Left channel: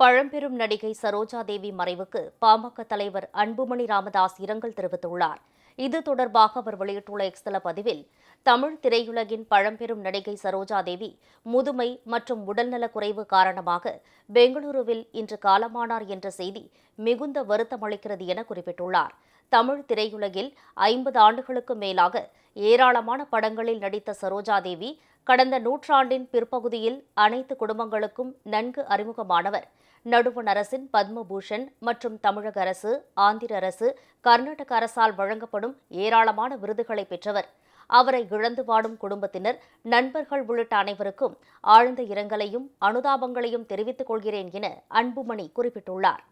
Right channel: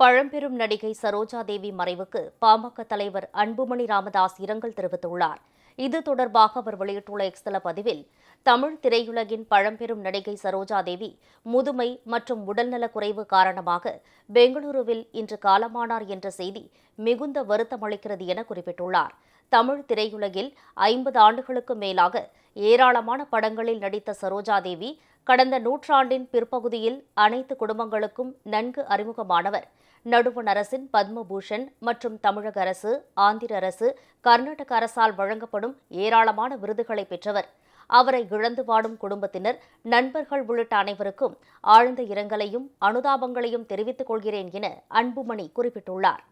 பழம்பெரும் நடிகை சரோஜா தேவி மறைவுக்கு பாமக தலைவர் அன்புமணி ராமதாஸ் இரங்கல் தெரிவித்துள்ளார். இது தொடர்பாக அவர் வெளியிட்டுள்ள எக்ஸ் பதிவில், தமிழ் திரையுலகின் பழம்பெரும் நடிகை சரோஜா தேவி முதுமை மற்றும் உடல்நலக் குறைவு காரணமாக பெங்களூருவில் இன்று காலமானார் என்ற செய்தி மிகுந்த வருத்தமளிக்கிறது என குறிப்பிட்டுள்ளார். தமிழ் திரையுலகில் 50 ஆண்டுகளுக்கும் மேலாக ஏராளமான படங்களில் நடித்த சரோஜா தேவி கடந்த நூற்றாண்டின் பிற்பகுதியில் அனைத்து குடும்பங்களுக்கும் நன்கு அறிமுகமானவர். நடுவண் அரசின் பத்மபூஷன் மற்றும் தமிழக அரசு, ஆந்திர அரசு, கர்நாடக அரசால் வழங்கப்படும் ஏராளமான விருதுகளை பெற்றவர். அவரை இழந்து வாடும் குடும்பத்தினர், நண்பர்கள் உள்ளிட்ட அனைவருக்கும் ஆழ்ந்த இரங்கலையும் அனுதாபங்களையும் தெரிவித்துக் கொள்கிறேன் என அன்புமணி குறிப்பிட்டுள்ளார்.